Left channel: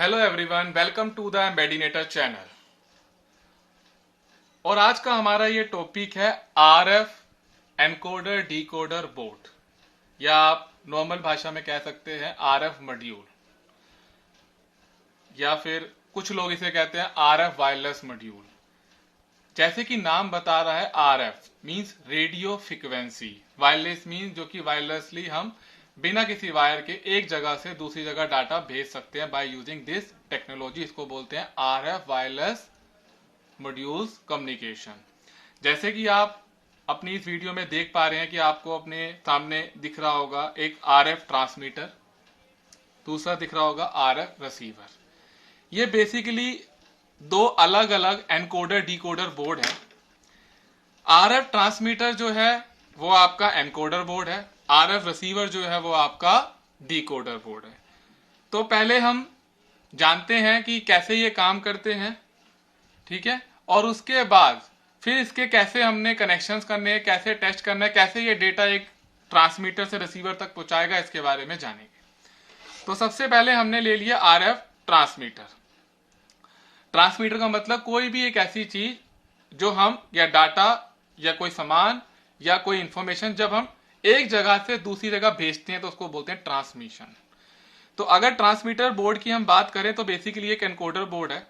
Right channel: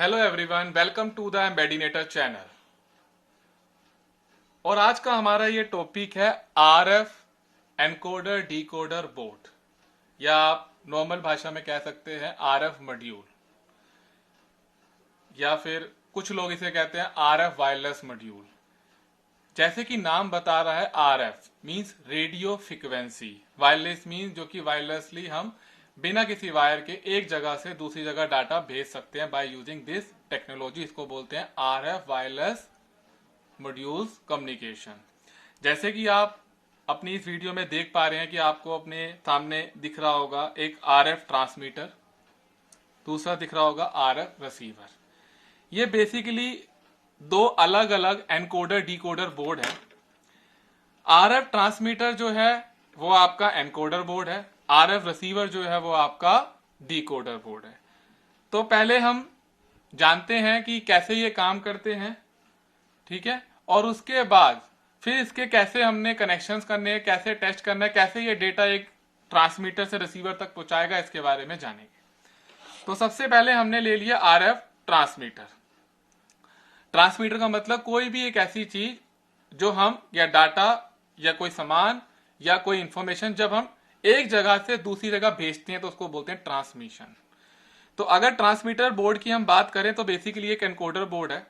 Hello everyone, welcome to the Embedinator channel. और आज का हमारा ये टॉपिक है आरएफ एनकोडर डिकोडर बोर्ड, या आप नॉर्मल भाषा में कह सकते हैं आरएफ मॉड्यूल, या फिर कुछ लोग इसे कहते हैं आरएफ वायरलेस मॉड्यूल। जैसे कि नाम बता रहा है, RF means radio frequency, wireless means जो कि वायरलेसली हम बिना किसी वायर के एक जगह से दूसरी जगह डाटा भेज सकते हैं बाय यूजिंग दिस टेक्नोलॉजी। इसको बोलते हैं आरएफ वायरलेस मॉड्यूल्स कम्युनिकेशन। जैसे कि आप अपनी इस वीडियो में देख पा रहे हैं कि आपको अपने सामने दिख रहा होगा एक आरएफ ट्रांसमीटर, दूसरा दिख रहा होगा आरएफ रिसीवर। ये बेसिकली दो अलग अलग एनकोडर डिकोडर बोर्ड है। आरएफ ट्रांसमीटर जो है वो आपका एनकोडर बोर्ड है, आरएफ रिसीवर जो है वो आपका डिकोडर बोर्ड है। तो पहले हम जानते हैं कि कैसे ये काम करते हैं, ठीक है, और उसके बाद फिर इसके कैसे हमने कनेक्शंस करने हैं, कैसे टेस्ट करना है, कैसे ये डेटा एक ट्रांसमीटर से रिसीवर तक पहुंचाएगा, इसके बारे में जानेंगे। तो सबसे पहले हमने ले लिया आरएफ ट्रांसमीटर। ट्रांसमीटर का मतलब कोई भी एक ऐसी चीज जो हम या डाटा या कोई सामान या कोई इंफॉर्मेशन जब हम एक जगह से दूसरी जगह भेजते हैं तो उसको बोलते हैं ट्रांसमिशन। तो अगर ट्रांसमीटर बोर्ड की हम बात करें तो बेसिकली एक एनकोडर बोर्ड है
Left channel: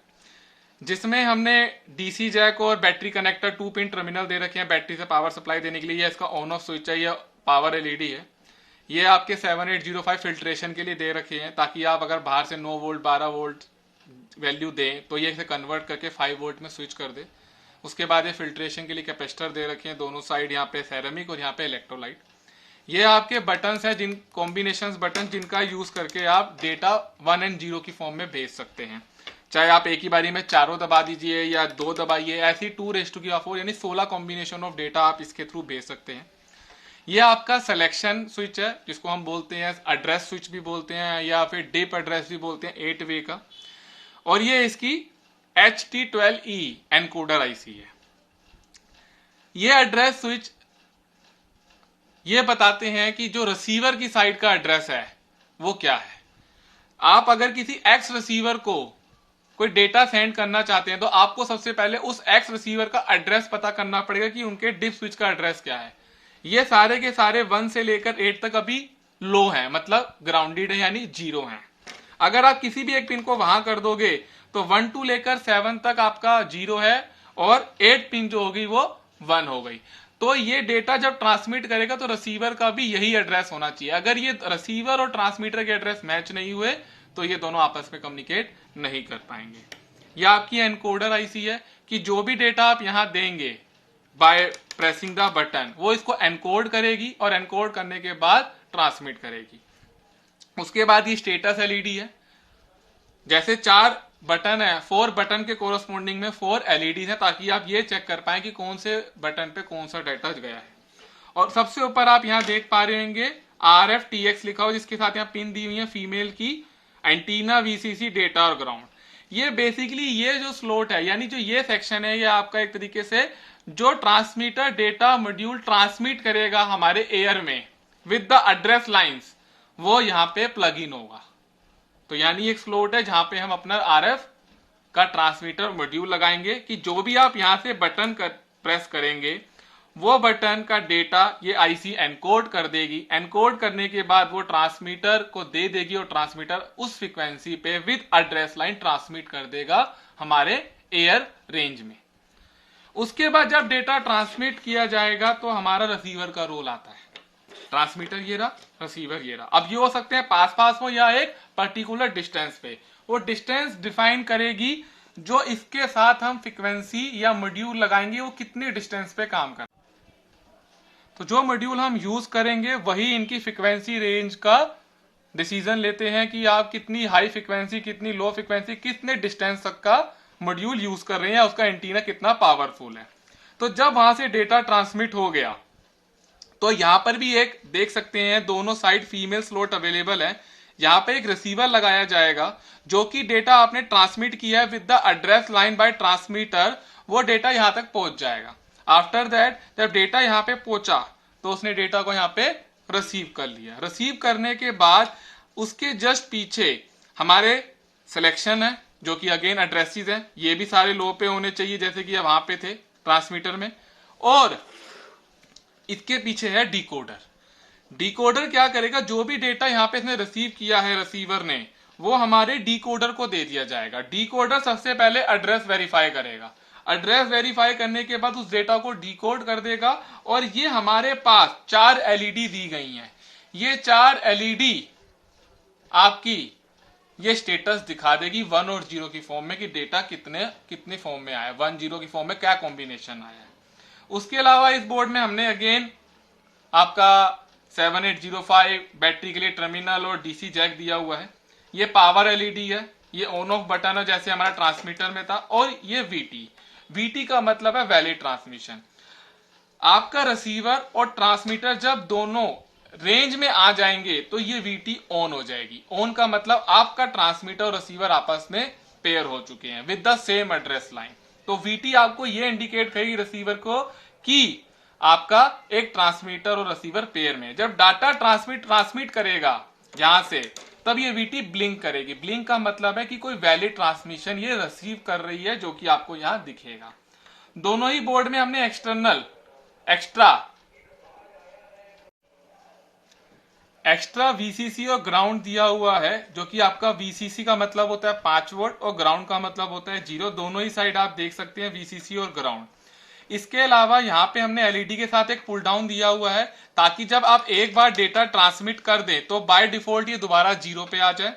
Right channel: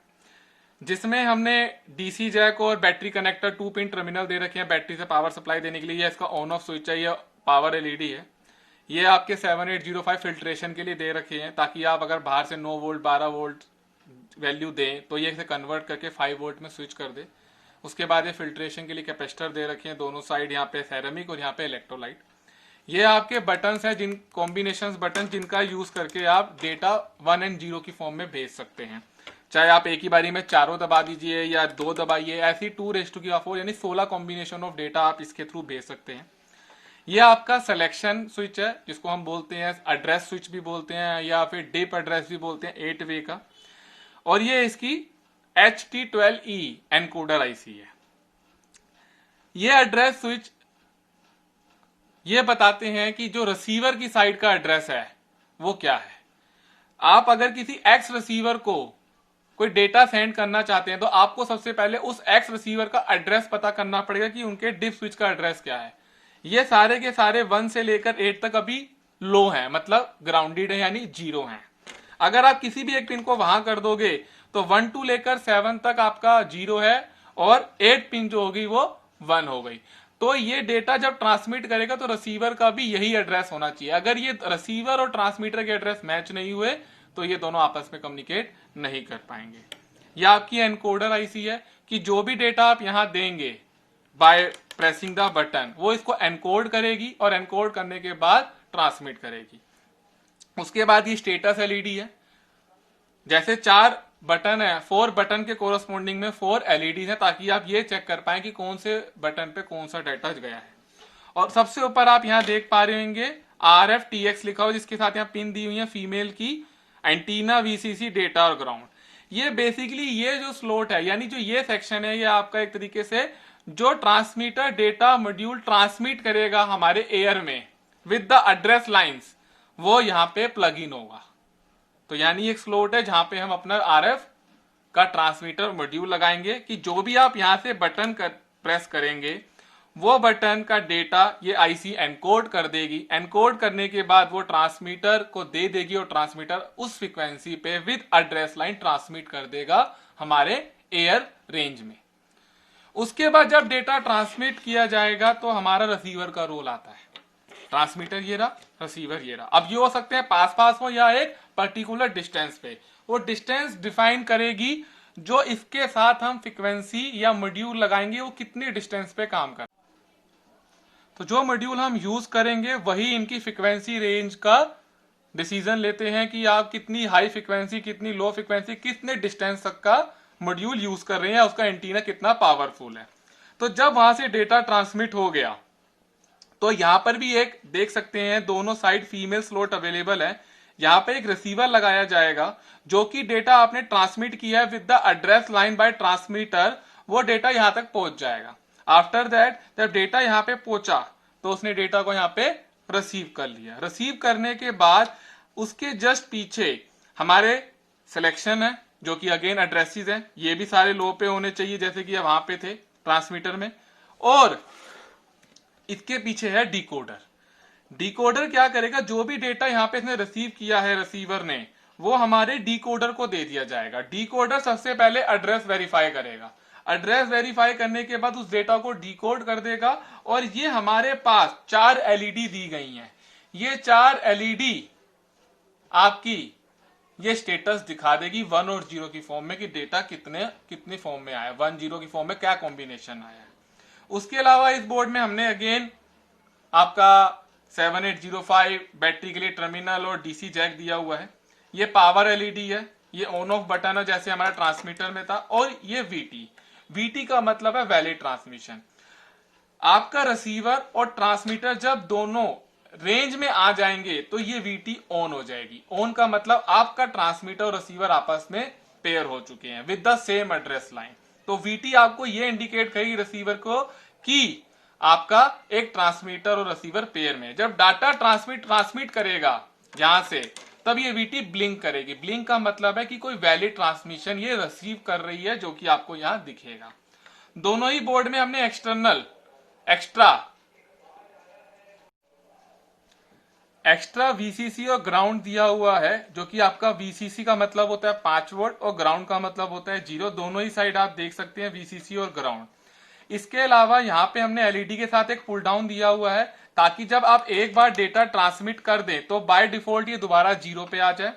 जिसमें हमने डीसी जैक और बैटरी कनेक्टर 2 पिन टर्मिनल दे रखे हैं बैटरी से पावर सप्लाई देने के लिए। या इसका ऑन ऑफ स्विच है, या पावर एलईडी है। ये आपके 7805 फिल्ट्रेशन के लिए दे रखे हैं ताकि आप अगर बाहर से 9 वोल्ट 12 वोल्ट वैल्यू दें तो ये इसे कन्वर्ट करके 5 वोल्ट में स्विच कर दे। उसके बाद ये फिल्ट्रेशन के लिए कैपेसिटर दे रखे हैं दोनों साइड, यहाँ पे सेरेमिक और यहाँ पे इलेक्ट्रोलाइट। ये आपके बटन्स हैं, जिन कॉम्बिनेशंस बटन जिनका यूज करके आप डेटा 1 और 0 की फॉर्म में भेज सकते हैं। चाहे आप एक ही बारी में चारों दबा दीजिए या 2 दबाइए, ऐसी 2⁴ यानी 16 कॉम्बिनेशन ऑफ डेटा आप इसके थ्रू भेज सकते हैं। ये आपका सिलेक्शन स्विच है जिसको हम बोलते हैं एड्रेस स्विच भी बोलते हैं, या फिर डिप एड्रेस भी बोलते हैं 8 वे का। और ये इसकी HT12E एनकोडर आईसी है। ये एड्रेस स्विच ये बताते हैं कि जो रिसीवर की साइड का एड्रेस है वो क्या है। आप अगर किसी एक्स रिसीवर को कोई डेटा सेंड करना चाहते हैं तो आपको सबसे पहले उस एक्स रिसीवर का एड्रेस पता करना पड़ेगा कि उनके डिप स्विच का एड्रेस क्या है। ये सारे के सारे 1 से लेकर 8 तक अभी लो है, मतलब ग्राउंडेड है यानी 0 है। अगर आप किसी भी एक पिन को वहां कर दोगे तो 1 to लेकर 7 तक आपका 0 है और 8 पिन जो होगी वो 1 हो गई। तो ये डेटा जब ट्रांसमिट करेगा तो रिसीवर का भी यही एड्रेस होना चाहिए। अगर ये रिसीवर और ट्रांसमीटर के एड्रेस मैच नहीं हुए तो ये दोनों आपस में कम्युनिकेट नहीं कर पाएंगे। यह आपकी एनकोडर आईसी है कि जो भी डेटा आप यहां देंगे बाय प्रेसिंग द बटन वो इसको एनकोड करेगी और एनकोड करने के बाद ट्रांसमिट करेगी। उसके बाद ये स्टेटस एलईडी है। जैसे 4 बटन है, 4 बटन के कोरस्पोंडिंग में 4 एलईडी है ताकि आप ये चेक कर पाए कि कौन से बटन पे कौन सा डेटा गया है। और सबसे ऊपर आप यहां देख पा रहे होंगे RFTX लिखा हो, जिसके साथ यहाँ पिन दी हुई है फीमेल की एंटीना, वीसीसी, डेटा और ग्राउंड। ये बेसिकली ये जो स्लॉट है यानी जो ये सेक्शन है ये आपका एक तरीके से जो ट्रांसमीटर डेटा मॉड्यूल ट्रांसमिट करेगा हमारे एयर में विद द एड्रेस लाइंस, वो यहाँ पे प्लग इन होगा। तो यानी एक स्लॉट है जहां पे हम अपना आरएफ का ट्रांसमीटर मॉड्यूल लगाएंगे कि जो भी आप यहां से बटन प्रेस करेंगे वो बटन का डेटा ये आईसी एनकोड कर देगी। एनकोड करने के बाद वो ट्रांसमीटर को दे देगी और ट्रांसमीटर उस फ्रीक्वेंसी पे विद एड्रेस लाइन ट्रांसमिट कर देगा हमारे एयर रेंज में। उसके बाद जब डेटा ट्रांसमिट किया जाएगा तो हमारा रिसीवर का रोल आता है। ट्रांसमीटर ये रहा, रिसीवर ये रहा। अब ये हो सकते हैं पास पास हो या एक पर्टिकुलर डिस्टेंस पे। वो डिस्टेंस डिफाइन करेगी जो इसके साथ हम फ्रीक्वेंसी या मॉड्यूल लगाएंगे वो कितने डिस्टेंस पे काम कर। तो जो मॉड्यूल हम यूज करेंगे वही इनकी फ्रीक्वेंसी रेंज का डिसीजन लेते हैं कि आप कितनी हाई फ्रीक्वेंसी, कितनी लो फ्रीक्वेंसी, कितने डिस्टेंस तक का मॉड्यूल यूज कर रहे हैं, उसका एंटीना कितना पावरफुल है। तो जब वहां से डेटा ट्रांसमिट हो गया तो यहां पर भी एक देख सकते हैं दोनों साइड फीमेल स्लॉट अवेलेबल है। यहां पे एक रिसीवर लगाया जाएगा जो कि डेटा आपने ट्रांसमिट किया है with the address line by transmitter, वो डेटा यहां तक पहुंच जाएगा। आफ्टर दैट जब डेटा यहां पे पहुंचा तो उसने डेटा को यहां पे रिसीव कर लिया। रिसीव करने के बाद उसके जस्ट पीछे हमारे सिलेक्शन है जो कि अगेन एड्रेसेस हैं, ये भी सारे लो पे होने चाहिए जैसे कि वहां पे थे ट्रांसमीटर में। और इसके पीछे है डिकोडर। डिकोडर क्या करेगा, जो भी डेटा यहाँ पे इसने रिसीव किया है रिसीवर ने, वो हमारे डिकोडर को दे दिया जाएगा। डिकोडर सबसे पहले एड्रेस वेरीफाई करेगा, एड्रेस वेरीफाई करने के बाद उस डेटा को डिकोड कर देगा। और ये हमारे पास 4 एलईडी दी गई हैं, ये 4 एलईडी आपकी ये स्टेटस दिखा देगी 1 और 0 की फॉर्म में कि डेटा कितने फॉर्म में आया, 1 0 की फॉर्म में क्या कॉम्बिनेशन आया है। उसके अलावा इस बोर्ड में हमने अगेन आपका 7805 बैटरी के लिए टर्मिनल और डीसी जैक दिया हुआ है। ये पावर एलईडी है, ये ऑन ऑफ बटन है जैसे हमारा ट्रांसमीटर में था। और ये वीटी का मतलब है वैलिड ट्रांसमिशन। आपका रिसीवर और ट्रांसमीटर जब दोनों रेंज में आ जाएंगे तो ये वीटी ऑन हो जाएगी। ऑन का मतलब आपका ट्रांसमीटर और रिसीवर आपस में पेयर हो चुके हैं with the same address line. तो वीटी आपको ये इंडिकेट करेगी रिसीवर को कि आपका एक ट्रांसमीटर और रिसीवर पेयर में। जब डाटा ट्रांसमिट करेगा यहां से, तब ये वीटी ब्लिंक करेगी। ब्लिंक का मतलब है कि कोई वैलिड ट्रांसमिशन ये रिसीव कर रही है, जो कि आपको यहां दिखेगा। दोनों ही बोर्ड में हमने एक्स्ट्रा वीसीसी और ग्राउंड दिया हुआ है, जो कि आपका वीसीसी का मतलब होता है 5 वोल्ट और ग्राउंड का मतलब होता है 0। दोनों ही साइड आप देख सकते हैं वीसीसी और ग्राउंड। इसके अलावा यहाँ पे हमने एलईडी के साथ एक पुल डाउन दिया हुआ है, ताकि जब आप एक बार डेटा ट्रांसमिट कर दें तो बाय डिफॉल्ट ये दोबारा 0 पे आ जाए।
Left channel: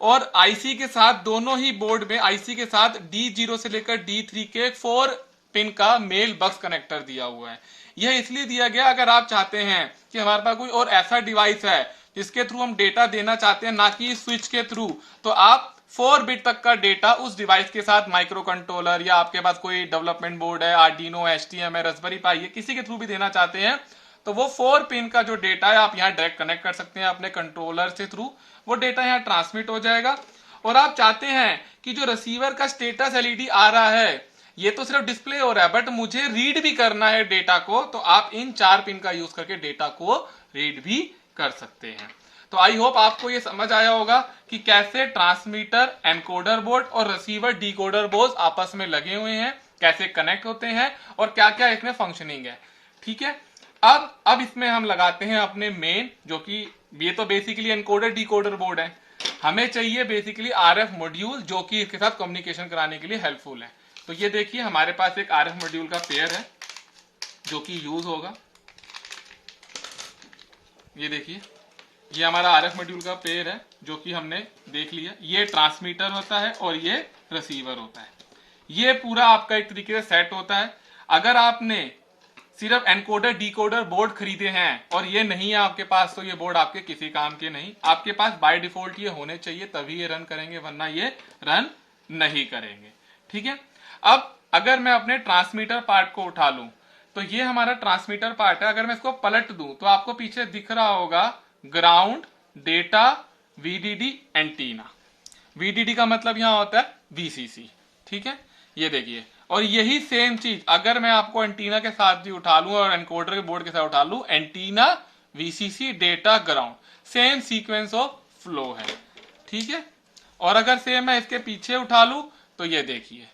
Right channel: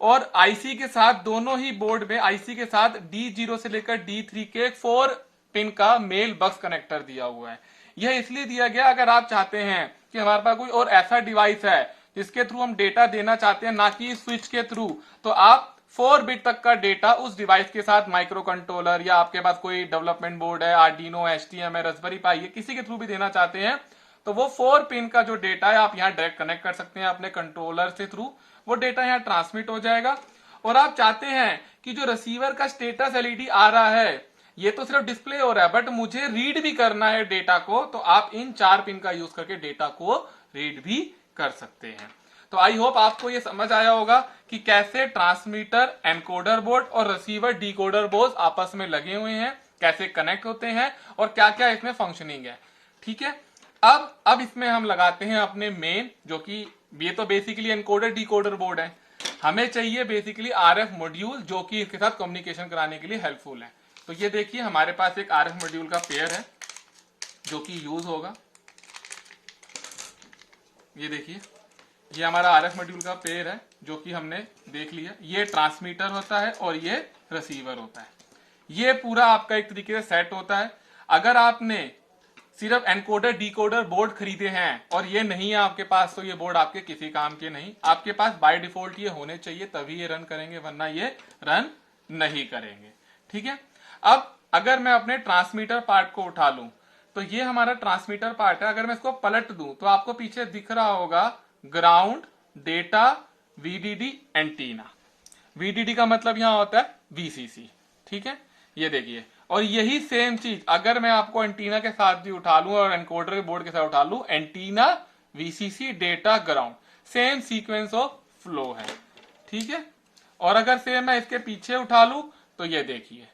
और आईसी के साथ दोनों ही बोर्ड में आईसी के साथ D0 से लेकर D3 के 4 पिन का मेल बक्स कनेक्टर दिया हुआ है। यह इसलिए दिया गया, अगर आप चाहते हैं कि हमारे पास कोई और ऐसा डिवाइस है जिसके थ्रू हम डेटा देना चाहते हैं, ना कि स्विच के थ्रू, तो आप 4 बिट तक का डेटा उस डिवाइस के साथ माइक्रो कंट्रोलर या आपके पास कोई डेवलपमेंट बोर्ड है, आर्डिनो, एचटीएम है, रास्पबेरी पाई है, किसी के थ्रू भी देना चाहते हैं, तो वो 4 पिन का जो डेटा है आप यहाँ डायरेक्ट कनेक्ट कर सकते हैं अपने कंट्रोलर से थ्रू। वो डेटा यहाँ ट्रांसमिट हो जाएगा। और आप चाहते हैं कि जो रिसीवर का स्टेटस एलईडी आ रहा है, ये तो सिर्फ डिस्प्ले हो रहा है, बट मुझे रीड भी करना है डेटा को, तो आप इन 4 पिन का यूज करके डेटा को रीड भी कर सकते हैं। तो आई होप आपको ये समझ आया होगा कि कैसे ट्रांसमीटर एनकोडर बोर्ड और रिसीवर डिकोडर बोर्ड आपस में लगे हुए हैं, कैसे कनेक्ट होते हैं और क्या क्या इसमें फंक्शनिंग है। ठीक है, अब इसमें हम लगाते हैं अपने मेन, जो कि ये तो बेसिकली एनकोडर डिकोडर बोर्ड है। हमें चाहिए बेसिकली आरएफ मॉड्यूल, जो कि इसके साथ कम्युनिकेशन कराने के लिए हेल्पफुल है। तो ये देखिए हमारे पास एक आरएफ मॉड्यूल का पेयर है जो कि यूज होगा। ये देखिए, ये हमारा आरएफ मॉड्यूल का पेयर है जो कि हमने देख लिया। ये ट्रांसमीटर होता है और ये रिसीवर होता है। ये पूरा आपका एक तरीके से सेट होता है। अगर आपने सिर्फ एनकोडर डिकोडर बोर्ड खरीदे हैं और ये नहीं है आपके पास, तो ये बोर्ड आपके किसी काम के नहीं। आपके पास बाय डिफॉल्ट ये होने चाहिए, तभी ये रन करेंगे, वरना ये रन नहीं करेंगे। ठीक है, अब अगर मैं अपने ट्रांसमीटर पार्ट को उठा लूं, तो ये हमारा ट्रांसमीटर पार्ट है। अगर मैं इसको पलट दूं तो आपको पीछे दिख रहा होगा ground, data, VDD, antenna. VDD का मतलब यहां होता है वीसीसी। ठीक है, ये देखिए। और यही सेम चीज अगर मैं आपको एंटीना के साथ भी उठा लूं और एनकोडर के बोर्ड के साथ उठा लूं, antenna, VCC, data, ground, same sequence of flow है। ठीक है, और अगर सेम मैं इसके पीछे उठा लूं तो ये देखिए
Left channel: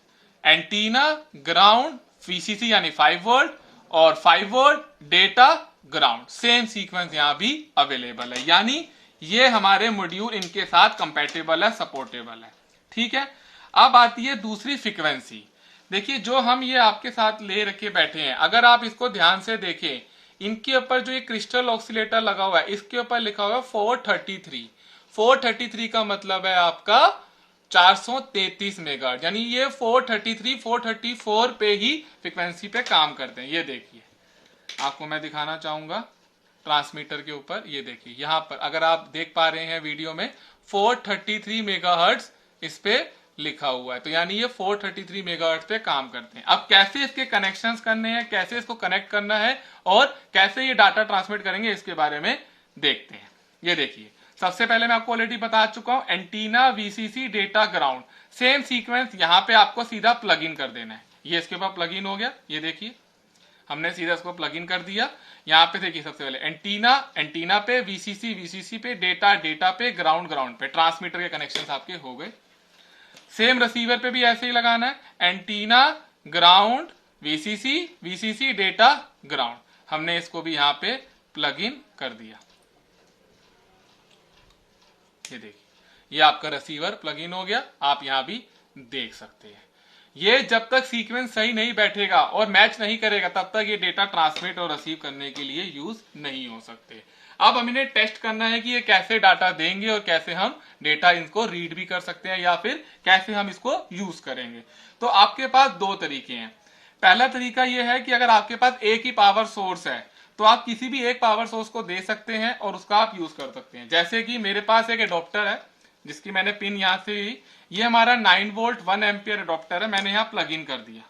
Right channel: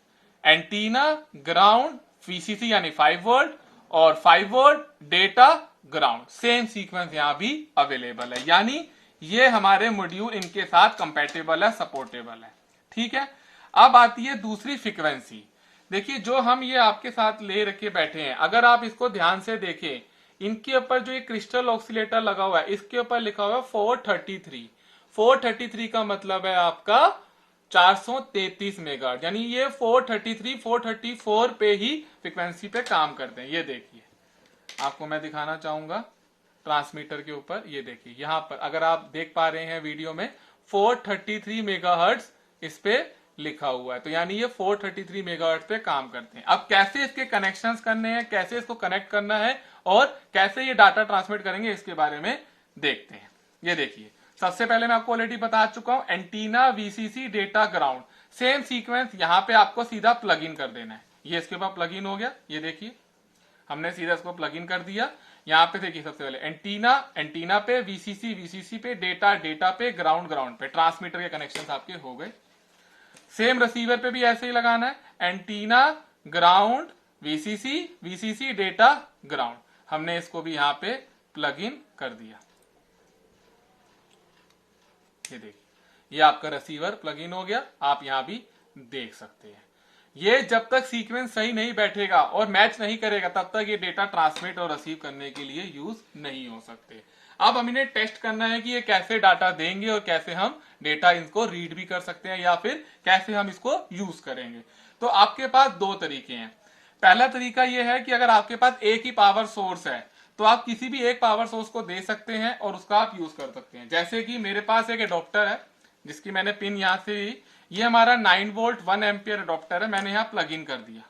एंटीना, ग्राउंड, वीसीसी यानी 5 वोल्ट और 5 volt, data, ground, same sequence यहां भी अवेलेबल है। यानी ये हमारे मॉड्यूल इनके साथ कंपैटिबल है, सपोर्टेबल है। ठीक है, अब आती है दूसरी फ्रीक्वेंसी। देखिए, जो हम ये आपके साथ ले रखे बैठे हैं, अगर आप इसको ध्यान से देखें, इनके ऊपर जो ये क्रिस्टल ऑक्सीलेटर लगा हुआ है, इसके ऊपर लिखा हुआ है 433। 433 का मतलब है आपका 433 मेगाहर्ट्ज, यानी ये 433 434 पे ही फ्रीक्वेंसी पे काम करते हैं। ये देखिए, आपको मैं दिखाना चाहूंगा ट्रांसमीटर के ऊपर। ये देखिए यहां पर अगर आप देख पा रहे हैं वीडियो में 433 मेगाहर्ट्ज इस पे लिखा हुआ है, तो यानी ये 433 मेगाहर्ट्ज पे काम करते हैं। अब कैसे इसके कनेक्शंस करने हैं, कैसे इसको कनेक्ट करना है और कैसे ये डाटा ट्रांसमिट करेंगे, इसके बारे में देखते हैं। ये देखिए, सबसे पहले मैं आपको ऑलरेडी बता चुका हूं, antenna, VCC, data, ground, same sequence यहां पे आपको सीधा प्लग इन कर देना है। ये इसके ऊपर प्लग इन हो गया। ये देखिए हमने सीधा इसको प्लग इन कर दिया। यहाँ पे देखिए सबसे पहले एंटीना पे, वीसीसी पे, डेटा पे, ग्राउंड पे, ट्रांसमीटर के कनेक्शन आपके हो गए। सेम रिसीवर पे भी ऐसे ही लगाना है, antenna ground VCC, VCC data ground. हमने इसको भी यहाँ पे प्लग इन कर दिया। ये देखिए, ये आपका रिसीवर प्लग इन हो गया, आप यहां भी देख सकते हैं। ये जब तक सीक्वेंस सही नहीं बैठेगा और मैच नहीं करेगा तब तक ये डेटा ट्रांसमिट और रिसीव करने के लिए यूज नहीं हो सकते। अब हम इन्हें टेस्ट करना है कि ये कैसे डाटा देंगे और कैसे हम डेटा इनको रीड भी कर सकते हैं या फिर कैसे हम इसको यूज करेंगे। तो आपके पास दो तरीके हैं। पहला तरीका यह है कि अगर आपके पास एक ही पावर सोर्स है तो आप किसी भी एक पावर सोर्स को दे सकते हैं और उसका आप यूज कर सकते हैं। जैसे कि मेरे पास एक एडॉप्टर है जिसकी मैंने पिन यहां से ली, ये हमारा 9 वोल्ट 1 एम्पियर एडॉप्टर है, मैंने यहाँ प्लग इन कर दिया।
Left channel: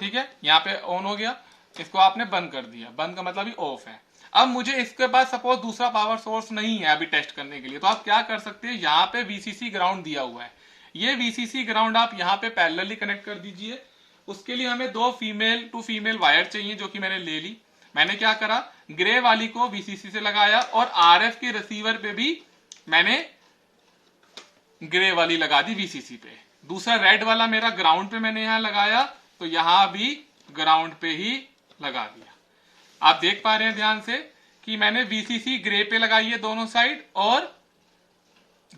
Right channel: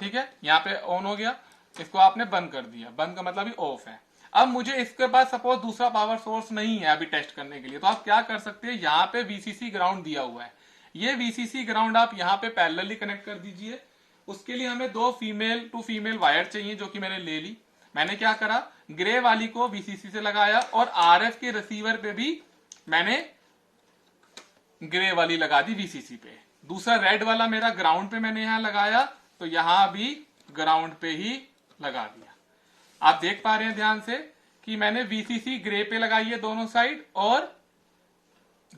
ठीक है, यहाँ पे ऑन हो गया, इसको आपने बंद कर दिया, बंद का मतलब ही ऑफ है। अब मुझे इसके बाद सपोज दूसरा पावर सोर्स नहीं है अभी टेस्ट करने के लिए, तो आप क्या कर सकते हैं, यहाँ पे वीसीसी ग्राउंड दिया हुआ है, ये वीसीसी ग्राउंड आप यहाँ पे पैरेलली कनेक्ट कर दीजिए। उसके लिए हमें दो फीमेल टू फीमेल वायर चाहिए जो कि मैंने ले ली। मैंने क्या करा, ग्रे वाली को वीसीसी से लगाया और आरएफ के रिसीवर पे भी मैंने ग्रे वाली लगा दी वीसीसी पे। दूसरा रेड वाला मेरा ग्राउंड पे मैंने यहां लगाया, तो यहां भी ग्राउंड पे ही लगा दिया। आप देख पा रहे हैं ध्यान से कि मैंने वीसीसी ग्रे पे लगाई है दोनों साइड और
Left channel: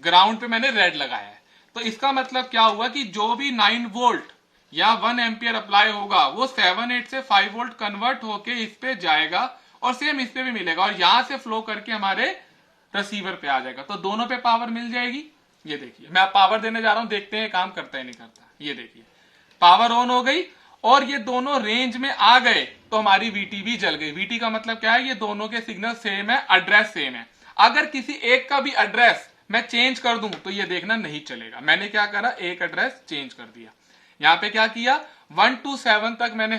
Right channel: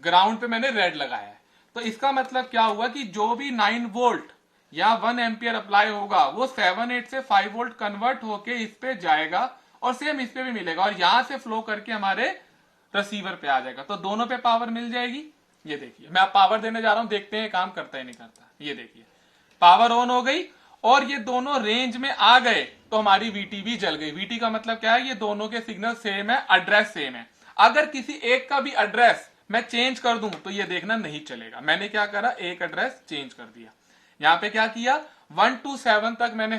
ग्राउंड पे मैंने रेड लगाया है। तो इसका मतलब क्या हुआ कि जो भी 9 वोल्ट या 1 एम्पियर अप्लाई होगा वो 7-8 से 5 वोल्ट कन्वर्ट होके इस पे जाएगा और सेम इस पे भी मिलेगा और यहां से फ्लो करके हमारे रिसीवर पे आ जाएगा, तो दोनों पे पावर मिल जाएगी। ये देखिए, मैं आप पावर देने जा रहा हूं, देखते हैं काम करता है नहीं करता। ये देखिए, पावर ऑन हो गई और ये दोनों रेंज में आ गए तो हमारी वीटी भी जल गई। वीटी का मतलब क्या है, ये दोनों के सिग्नल सेम है, एड्रेस सेम है। अगर किसी एक का भी एड्रेस मैं चेंज कर दूं तो ये देखना नहीं चलेगा। मैंने क्या करा, एक एड्रेस चेंज कर दिया। यहां पे क्या किया, 1 to 7 तक मैंने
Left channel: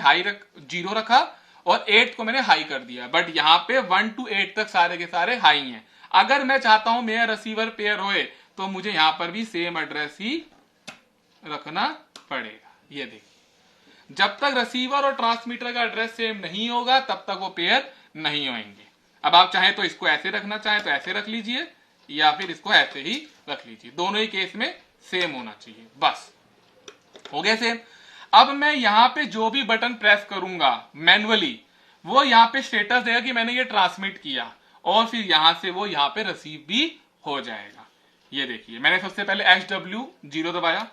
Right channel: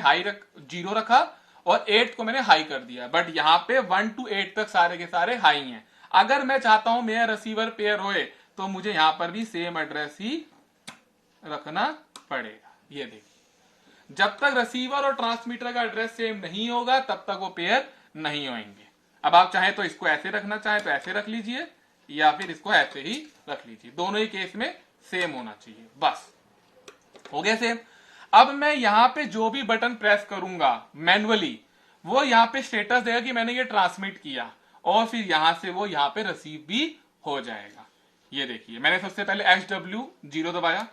जीरो रखा और 8 को मैंने हाई कर दिया, बट यहाँ पे 1 to 8 तक सारे के सारे हाई हैं। अगर मैं चाहता हूं मेरा रिसीवर पेयर होए तो मुझे यहां पर भी सेम एड्रेस ही रखना पड़ेगा। ये देखिए, जब तक रिसीवर और ट्रांसमीटर का एड्रेस सेम नहीं होगा तब तक वो पेयर नहीं होंगे। अब आप चाहें तो इसको ऐसे रखना चाहें तो ऐसे रख लीजिए या फिर इसको ऐसे ही रख लीजिए, दोनों ही केस में सेम होना चाहिए। बस हो गया सेम। अब मैं यहां पे जो भी बटन प्रेस करूंगा मैन्युअली वो यहां पे स्टेटस देगा कि मैंने ये ट्रांसमिट किया और फिर यहां से वो यहां पे रिसीव भी हो जाएगा। ये देखिए, मैंने सबसे पहले HW0 दबाया,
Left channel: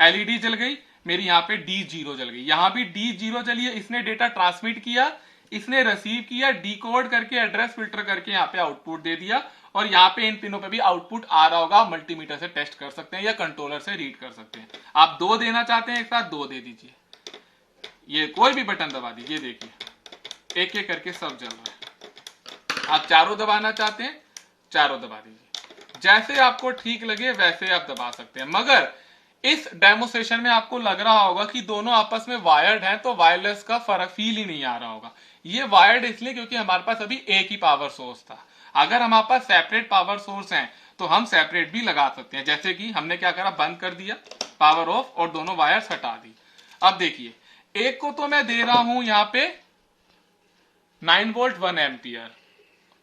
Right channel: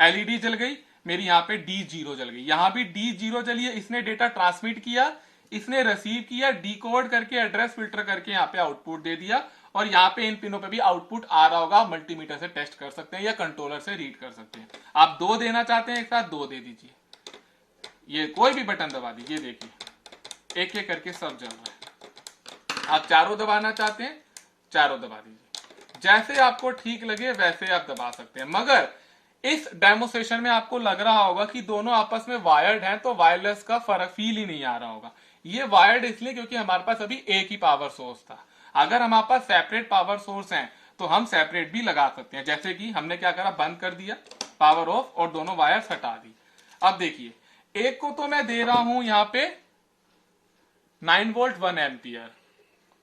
एलईडी जल गई मेरी, यहां पे D0 जल गई, यहां भी D0 जली है। इसने डेटा ट्रांसमिट किया, इसने रिसीव किया, डिकोड करके एड्रेस फिल्टर करके यहाँ पे आउटपुट दे दिया और यहाँ पे इन पिनों पे भी आउटपुट आ रहा होगा। मल्टीमीटर से टेस्ट कर सकते हैं या कंट्रोलर से रीड कर सकते हैं। आप दो देना चाहते हैं एक साथ, दो दे दीजिए, ये कोई भी बटन दबा दीजिए, देखिए एक एक करके सब जल रहा है। आप चारों दबाना चाहते हैं, चारों दबा दीजिए, जैसे आपको ठीक लगे वैसे आप दबा सकते हैं। मगर इस डेमोस्ट्रेशन में आपको लग रहा होगा कि दोनों आपस में वायर्ड हैं तो वायरलेस का फर्क फील ही नहीं आ रहा होगा। ये वायर्ड इसलिए क्योंकि हमारे पास अभी एक ही पावर सोर्स था। अगर हमारे पास सेपरेट पावर सोर्स हैं तो हम सेपरेट भी लगा सकते हैं। जैसे कि हमने क्या करा, बंद कर दिया, पावर ऑफ और दोनों वायर्स हटा दी। अब देखिए, एक को तो मैं दे रहा हूं यहां पे 9 वोल्ट 1 एम्पियर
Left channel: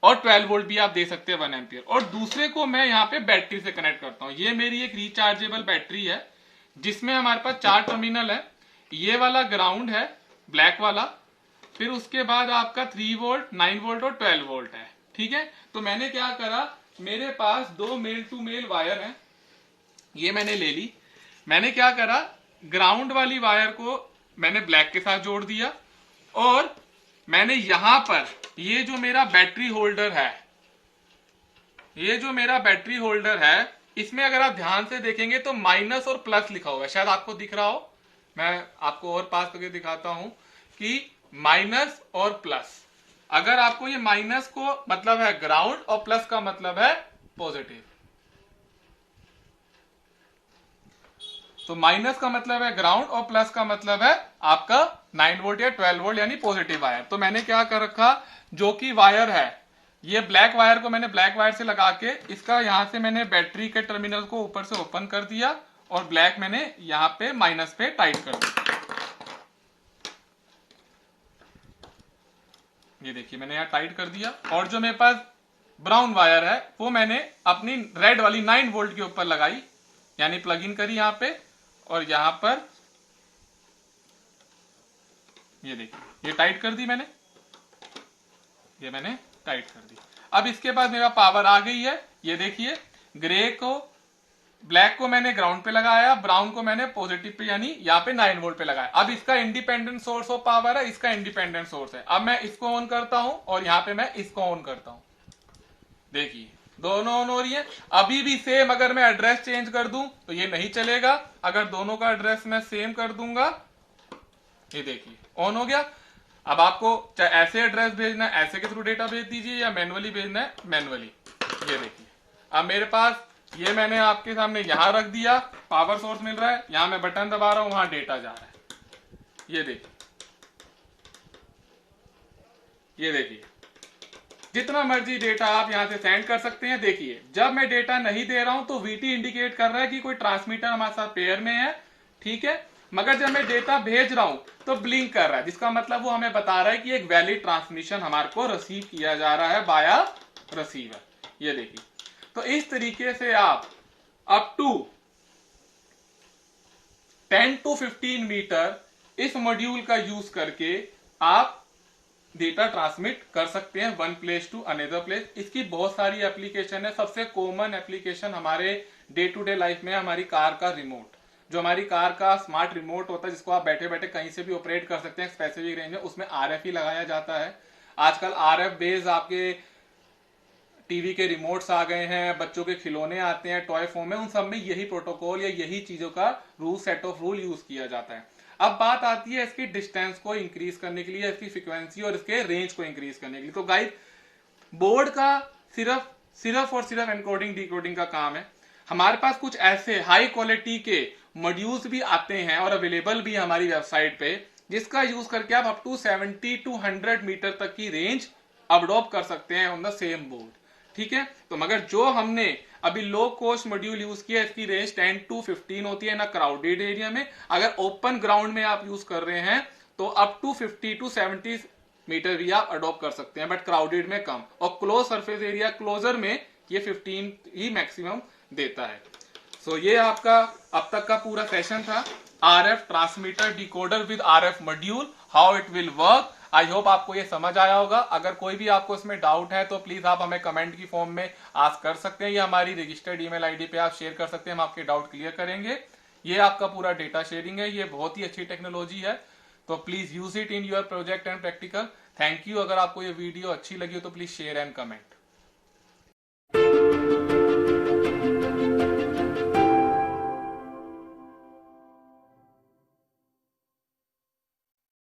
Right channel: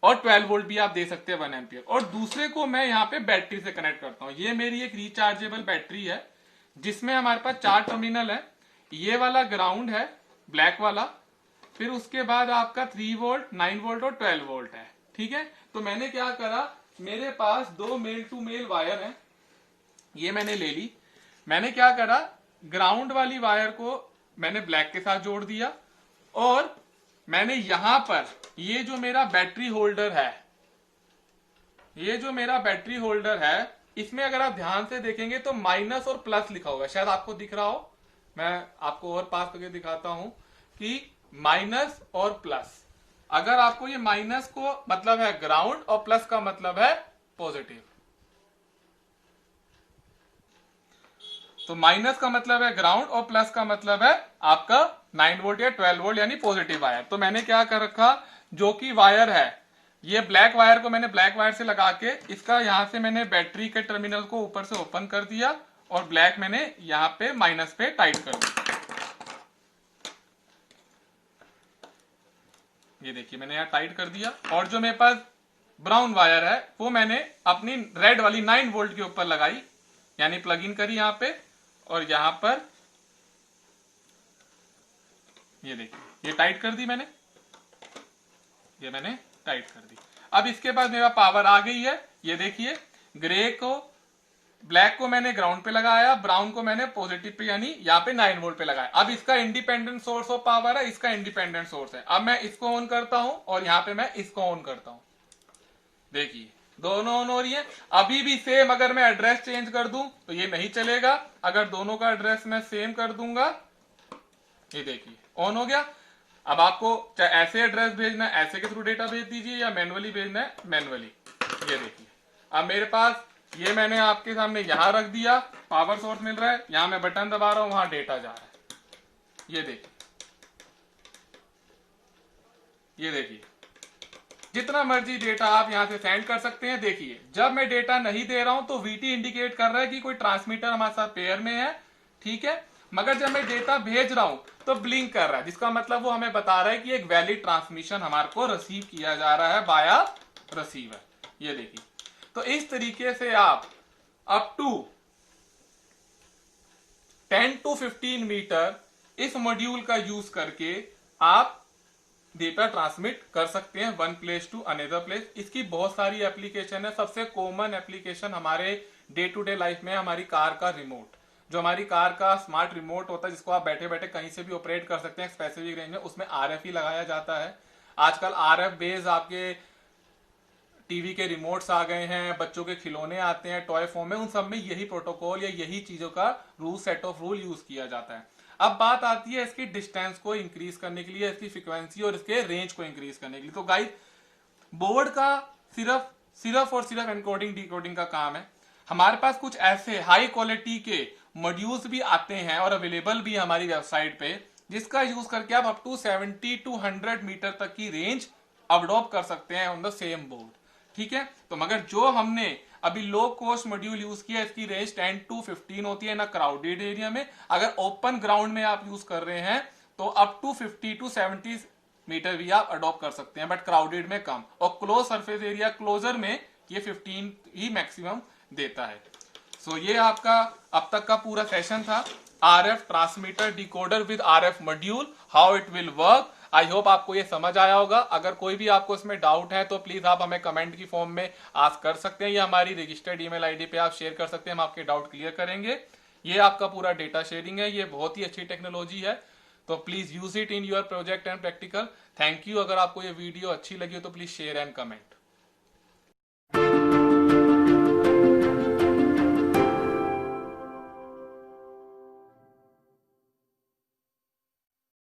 और 12 वोल्ट भी आप दे सकते हैं 1 एम्पियर, और दूसरे को मैं यहाँ पे बैटरी से कनेक्ट करता हूँ। ये मेरी एक रिचार्जेबल बैटरी है जिसमें हमारे पास 4 टर्मिनल है। ये वाला ग्राउंड है ब्लैक वाला, फिर उसके बाद आपका 3 वोल्ट 9 वोल्ट और 12 वोल्ट है। ठीक है, तो मैंने क्या करा, मेरे पास दो मेल टू मेल वायर है, ये मैंने ले ली। मैंने क्या करा, ग्राउंड वाली वायर को मैंने ब्लैक के साथ जोड़ दिया और मैंने यहां पर ये जो मेरा बैटरी होल्डर है, ये जो मेरा बैटरी होल्डर है, इसमें अगर आप ध्यान से देखेंगे तो माइनस और प्लस लिखा होगा, शायद आपको दिख रहा हो, मैं आपको और पास करके दिखाता हूं कि माइनस और प्लस। अगर आपको ये माइनस को मतलब है ग्राउंड और प्लस का मतलब है पॉजिटिव, तो माइनस का मतलब है ग्राउंड और प्लस का मतलब है आपका 9 वोल्ट या 12 वोल्ट यानी पॉजिटिव वायर। तो मैंने क्या कर रखा, जो कि वायर है, ये ब्लैक वायर को मैंने ब्लैक वायर से लगा के इसका यहां से मैंने बैटरी के टर्मिनल को ऊपर से ओपन कर दिया और ब्लैक मैंने यहां पे माइनस पे टाइट कर दिया। ये देखिए, मैंने यहां टाइट कर दिया और जो मेरे पास ब्राउन वायर है वो मैंने अपनी रेड वाली 9 वोल्ट के ऊपर लगाई, यानी प्लग इन करी यहां पे और यहां पर ये देखिए, ये टाइट कर दी मैंने, ये मैंने टाइट कर दी। अब इसके बाद मेरा पावर आ गई है। ये देखिए, ग्रे को ब्लैक को मैंने ग्राउंड पे लगाया, ब्राउन को मैंने पॉजिटिव पे यानी यहाँ पे 9 वोल्ट पे लगाया। अब इसका इंडिपेंडेंट सोर्स ऑफ पावर है, इसका इंडिपेंडेंट सोर्स है। अब मैं इसको ऑन करता हूं और यहाँ पे मैं इसको ऑन करता हूं। देखिए दोनों ऑन हो रही है। अभी भी सेम अगर मैं एड्रेस चेंज कर दूं तो ये नहीं चलेगा। अगर दोनों का एड्रेस मैं सेम कर दूंगा, ये देखिए ऑन हो गया। अब आपको चाहे ऐसे एड्रेस भेजना है, ऐसे के थ्रू डेटा भेज दीजिए, या मैनुअली भेजना है मैनुअली। ये देखिए, अब मेरे पास ये मैंने आपके सामने यहां रख दिया, पावर सोर्स मिल रहा है, यहां मैं बटन दबा रहा हूं, वहां डेटा जा रहा है। ये देखिए, ये देखिए, जितना मर्जी डेटा आप यहां से सेंड कर सकते हैं। देखिए जब मैं डेटा नहीं दे रहा हूं तो वीटी इंडिकेट कर रहा है कि कोई ट्रांसमीटर हमारे साथ पेयर में है, ठीक है। मगर जब मैं डेटा भेज रहा हूं तो ब्लिंक कर रहा है, जिसका मतलब वो हमें बता रहा है कि एक वैलिड ट्रांसमिशन हमारे को रिसीव किया जा रहा है बाया रिसीवर। ये देखिए, तो इस तरीके से आप अप टू 10 to 15 मीटर इस मॉड्यूल का यूज करके आप डेटा ट्रांसमिट कर सकते हैं one place to another place. इसकी बहुत सारी एप्लीकेशन है। सबसे कॉमन एप्लीकेशन हमारे डे टू डे लाइफ में हमारी कार का रिमोट, जो हमारी कार का स्मार्ट रिमोट होता है, जिसको आप बैठे बैठे कहीं से भी ऑपरेट कर सकते हैं स्पेसिफिक रेंज में, उसमें आरएफ ही लगाया जाता है। आजकल आरएफ बेस्ड आपके टीवी के रिमोट्स आ गए हैं, बच्चों के खिलौने आते हैं टॉय फॉर्म में, उन सब में यही प्रोटोकॉल या यही चीजों का rule set of rule use किया जाता है। अब बात आती है इसकी डिस्टेंस को इंक्रीज करने के लिए, इसकी फ्रीक्वेंसी और इसके रेंज को इंक्रीज करने के लिए। तो गाइस, बोर्ड का सिर्फ और सिर्फ एनकोडिंग डिकोडिंग का काम है। हमारे पास कुछ ऐसे हाई क्वालिटी के मॉड्यूल्स भी आते हैं और अवेलेबल भी हमारी वेबसाइट पे, जिसका यूज करके आप अप टू 70 to 100 मीटर तक की रेंज अडॉप्ट कर सकते हैं ऑन द सेम बोर्ड, ठीक है। तो मगर जो हमने अभी लो कॉस्ट मॉड्यूल यूज किया, इसकी रेंज 10 to 15 होती है ना क्राउडेड एरिया में। अगर ओपन ग्राउंड में आप यूज कर रहे हैं तो अप टू 50 to 70 मीटर भी आप अडॉप्ट कर सकते हैं, बट क्राउडेड में कम, और क्लोज सरफेस एरिया क्लोजर में ये 15 ही मैक्सिमम देता है। सो ये आपका अब तक का पूरा सेशन था, RF transmitter decoder with RF module, how it will work. I hope आपको ये समझ आया होगा। अगर कोई भी आपको इसमें डाउट है तो प्लीज आप हमें कमेंट की फॉर्म में आस्क कर सकते हैं, या हमारी रजिस्टर्ड ईमेल आईडी पे आप शेयर कर सकते हैं, हम आपके डाउट क्लियर करेंगे। ये आपका पूरा डेटा शेयरिंग है, ये बहुत ही अच्छी टेक्नोलॉजी है, तो please use it in your project and practical. Thank you. अगर आपको ये वीडियो अच्छी लगी हो तो प्लीज शेयर एंड कमेंट।